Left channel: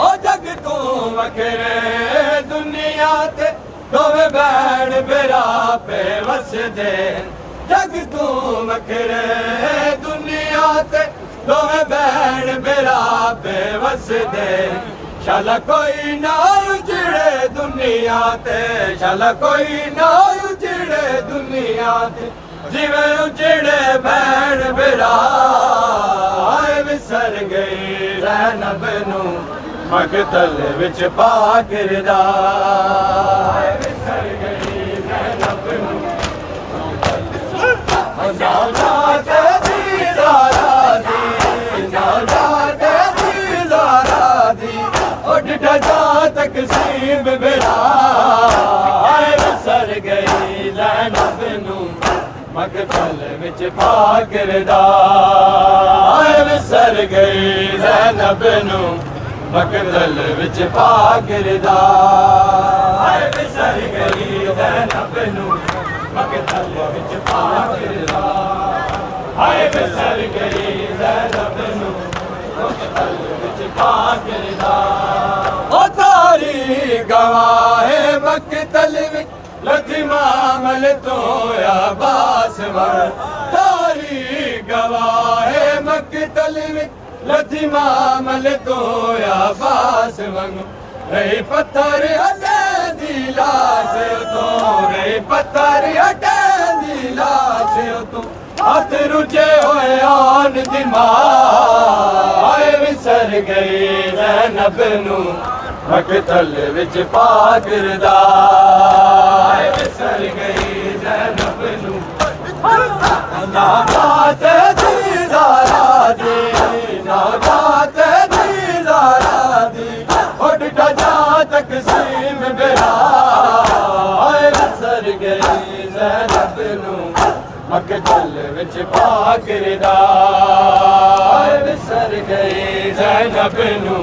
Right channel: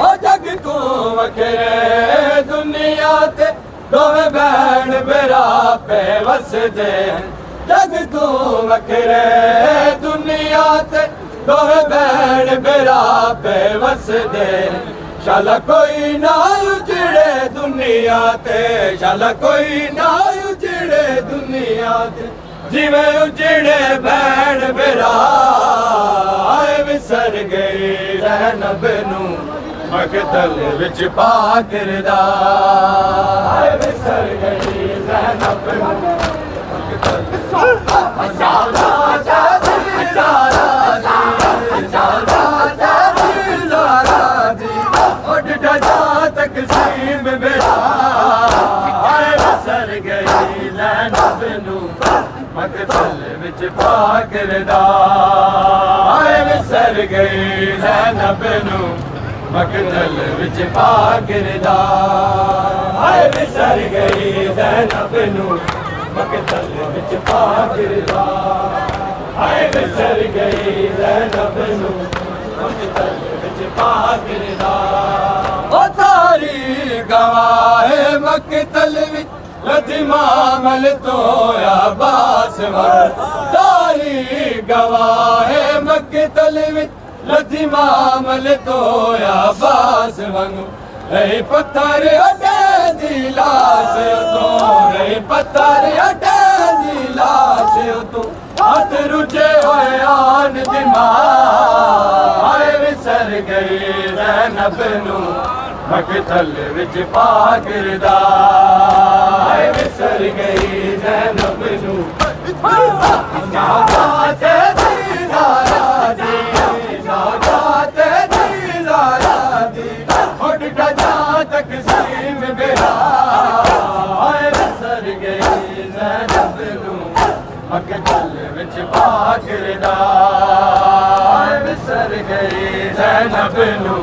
ओ जग तू वखरे दुनिया ते दोवें भैन मेरा पे वसदे जग तू वखरे दुनिया ते दोवें भैन मेरा पे वसदे शाला कोई ना उजड़े दुनिया ते शाला कोई ना उजड़े दुनिया ते जिवें उजड़े भैन मेरा आए विसर गई ज़ैनब नू मकतल विच पा किरदा आए विसर गई ज़ैनब नू तकसीम मेरा आए विसर गई ज़ैनब नू मकतल विच पा किरदा आए विसर गई ज़ैनब नू मकतल विच पा किरदा आए विसर गई ज़ैनब नू मकतल विच पा किरदा आए विसर गई ज़ैनब नू मकतल विच पा किरदा गवाहे मकतल विच लथी मामल तो अब्बास वंग तारी गवाहे मकतल विच लथी मामल तो अब्बास वंग रही पत्थर अटे दी लाश तो रही पत्थर अटे दी लाश तो हाथ रुझे होए आन दिमाग विसर गई ज़ैनब नू मकतल विच पा किरदा आए विसर गई ज़ैनब नू तकसीम मेरा आए विसर गई ज़ैनब नू मकतल विच पा किरदा आए विसर गई ज़ैनब नू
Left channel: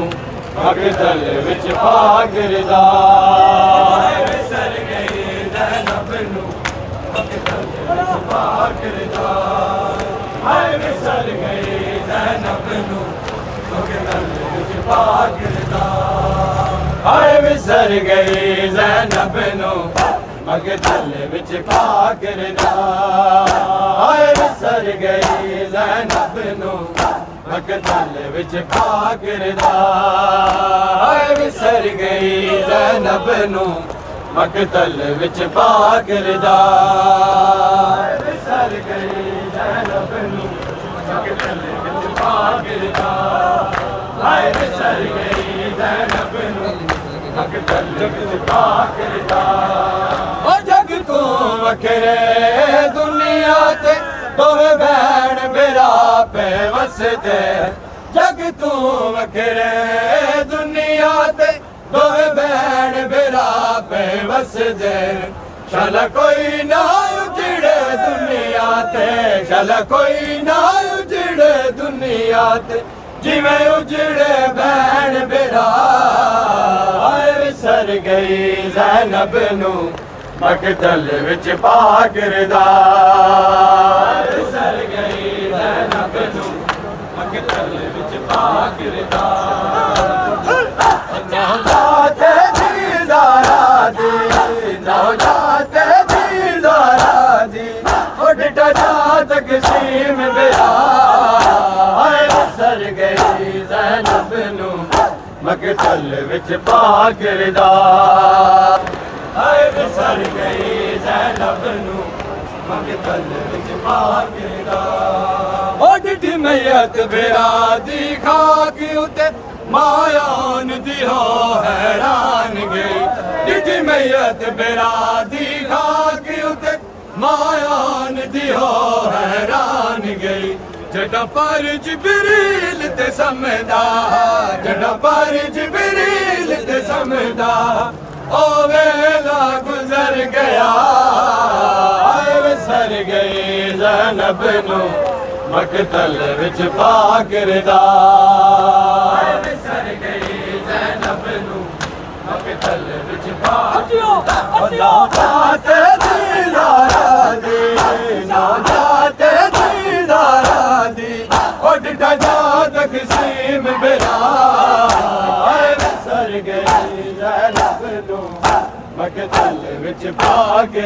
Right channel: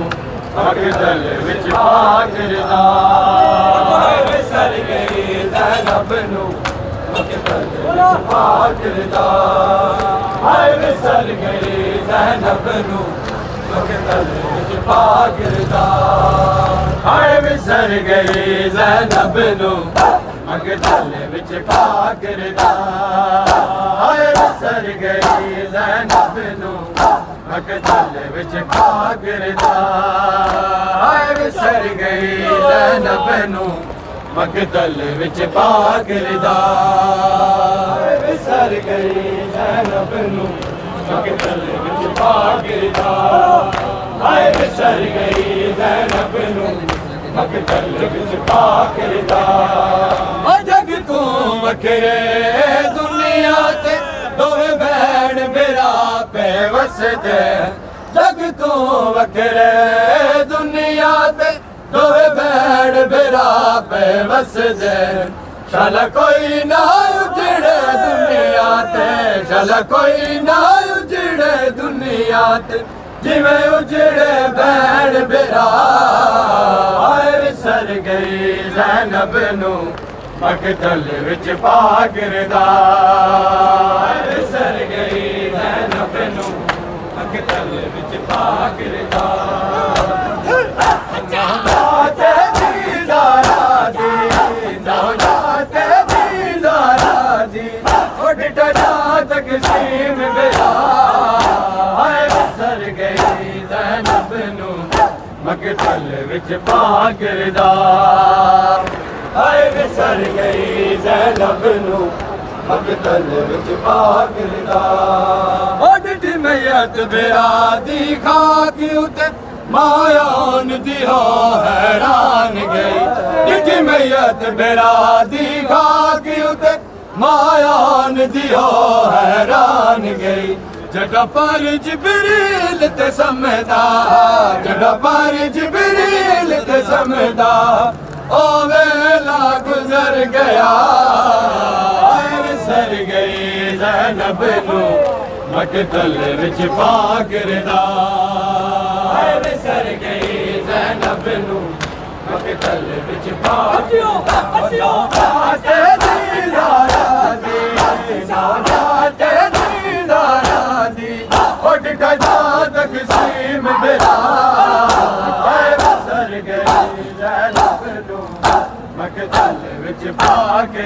मकतल विच पा किरदा आए विसर गई ज़ैनब नू मकतल विच पा किरदा आए विसर गई ज़ैनब नू मकतल विच पा किरदा आए विसर गई ज़ैनब नू मकतल विच पा किरदा आए विसर गई ज़ैनब नू मकतल विच पा किरदा आए विसर गई ज़ैनब नू मकतल विच पा किरदा आए विसर गई ज़ैनब नू मकतल विच पा किरदा आए विसर गई ज़ैनब नू मकतल विच पा किरदा ओ जग तू वखरे दुनिया ते दोवें भैन मेरा पे वसदे जग तू वखरे दुनिया ते दोवें भैन मेरा पे वसदे शाला कोई ना उजड़े दुनिया ते शाला कोई ना उजड़े दुनिया ते जिवें उजड़े भैन मेरा आए विसर गई ज़ैनब नू मकतल विच पा किरदा विसर गई ज़ैनब नू मकतल विच पा किरदा तकसीम मेरा आए विसर गई ज़ैनब नू मकतल विच पा किरदा आए विसर गई ज़ैनब नू मकतल विच पा किरदा ओ डिठी मैयत बेरा दी खाक उते मायान दी हो हैरान गई डिठी मैयत बेरा दी खाक उते मायान दी हो हैरान गई जड़ा पर जिबरील ते समदा जड़ा पर जिबरील ते समदा ओ वेला गुजर गया आए विसर गई ज़ैनब नू मकतल विच पा किरदा आए विसर गई ज़ैनब नू मकतल विच पा किरदा जात दी उठ जात किसीम बिरा सर गई ज़ैनब नू मकतल विच पा के